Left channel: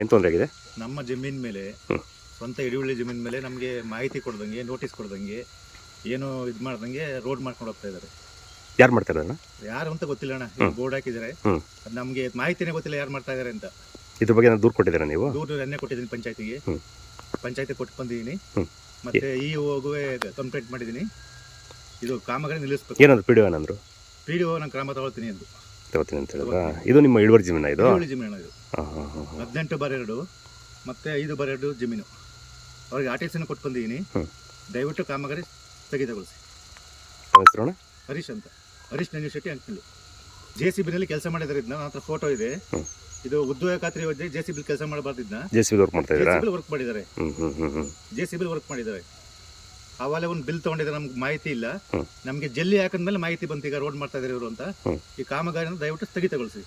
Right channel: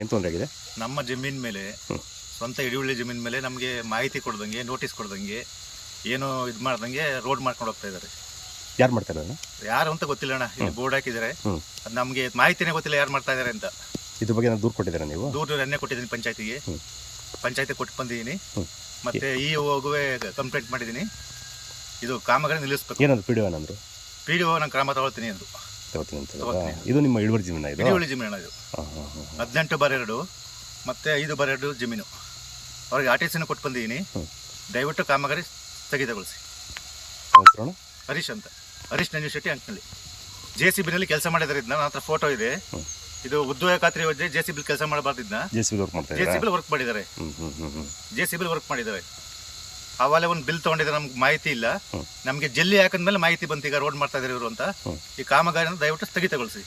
ಏನು ತೊಂದರೆ ಆಗಿದೆ? ನಮ್ಮ ಜಮೀನ್ ಮೇಲೆ ಸ್ವಂತ ಹಿಡಿವಳ್ಳಿ ಜಮೀನ್ ಮೇಲೆ ನಮಗೆ ಮಾಹಿತಿ ಕೊಡ್ದಂಗೆ ನೋಟಿಸ್ ಕೊಡ್ದಂಗೆ ಏನು ಇದು ಮಾಡ್ದಂಗೆ ರೋಡ್ ಮಾಡ್ಕೊಂಡು ಹೋಗ್ತಾ ಇದ್ದಾರೆ. ಯಾರು ಮಾಡ್ತಾರೆ ಅದನ್ನ? ಯಾರು ಅಂತ ಗೊತ್ತಿಲ್ಲ ಅಣ್ಣ. ಇಲ್ಲಿ ಬೋರ್ಡ್ ಹಾಕಿದ್ದಾರೆ, ಅದು ನಮಗೆ ಮಾಹಿತಿನೇ ಗೊತ್ತಿಲ್ಲ ಯಾರು ಮಾಡ್ತಾ ಇದ್ದಾರೆ ಅಂತ. ಇದ್ರ ಬಗ್ಗೆ ನಾನು ದೂರು ಕೊಟ್ಟಿದ್ದೀರಾ ನೀವು? ದೂರ ನೆನ್ನೆ ಕೊಟ್ಟಿದ್ದೀನಿ ಪಂಚಾಯತಿಗೆ. ಪಂಚಾಯತಿ ಕೊಟ್ಟು ಬಂದಿದ್ದೀನಿ. ಮತ್ತೆ ಈ ಹೋಗುವೆ ಕಂಪ್ಲೇಂಟ್ ಮಾಡಿದ್ದೀನಿ. ಇದು ಕಾಮಗಾರಿ ನಿಲ್ಲಿಸ್ಬೇಕು. ಏನಂದ್ರು ಪಿ ಡಿ ಒ ಏನಂದ್ರು? ಪಿ ಡಿ ಒ ನಾನು ಕ್ರಮ ತಗೊಳ್ತೀನಿ ಅಂದ್ರು. ಇದು ನಿಮ್ಮ ಇಳುವರಿ ಜಮೀನ? ಇದು ಹಿಡಿವಳ್ಳಿ ಜಮೀನು. ಇದು 18/2 ಮತ್ತೆ 5/2 ಜಮೀನು. ಅವ್ರಿಗೆ ಆರ್ಟಿಸಿನ ಕೊಟ್ಟು ಬಂದಿದ್ದೀನಿ. ದಯವಿಟ್ಟು ಕಾಮಗಾರಿ ಸ್ಥಗಿತಗೊಳಿಸಿ. ಹರೀಶ್ ಅಂತ, ಹರೀಶ್ ಶೆಟ್ಟಿ ಅಂಕನಳ್ಳಿ. JCB ಕೆಲಸ ಮಾಡಿದ್ದಾರೆ. ಇದನ್ನ ನನ್ನ ಹತ್ರ ಫೋಟೋ ಇದೆ. ಇದು ಉದ್ಯೋಗ ಖಾತ್ರಿ ಯೋಜನೆ JCB ಕೆಲಸ ಮಾಡಬಾರ್ದಿದ್ನ JCB ವರ್ಕ್ ಮಾಡಿದ್ದಾರೆ. JCB ವರ್ಕ್ ಮಾಡಿದ್ದಾರೆ. ಅವಾಗಲೇ ಒಂದು ಬಿಲ್ ತಗೊಂಡಿದ್ದಾರೆ. ನಮ್ಗೆ ಮಾಹಿತಿ ಇಲ್ಲ. ನಮಗೆ ಜಲ್ಲಿ ಹಾಕಿದ್ಮೇಲೆ ಮಾಹಿತಿ ಬಂತು ಈಗ ರೋಡ್ ಮಾಡ್ತಾ ಇದ್ದಾರೆ ಇವರು ಅಂತ. ಈ ಕಾಮಗಾರಿನ ದಯವಿಟ್ಟು ಸ್ಥಗಿತಗೊಳಿಸಿ.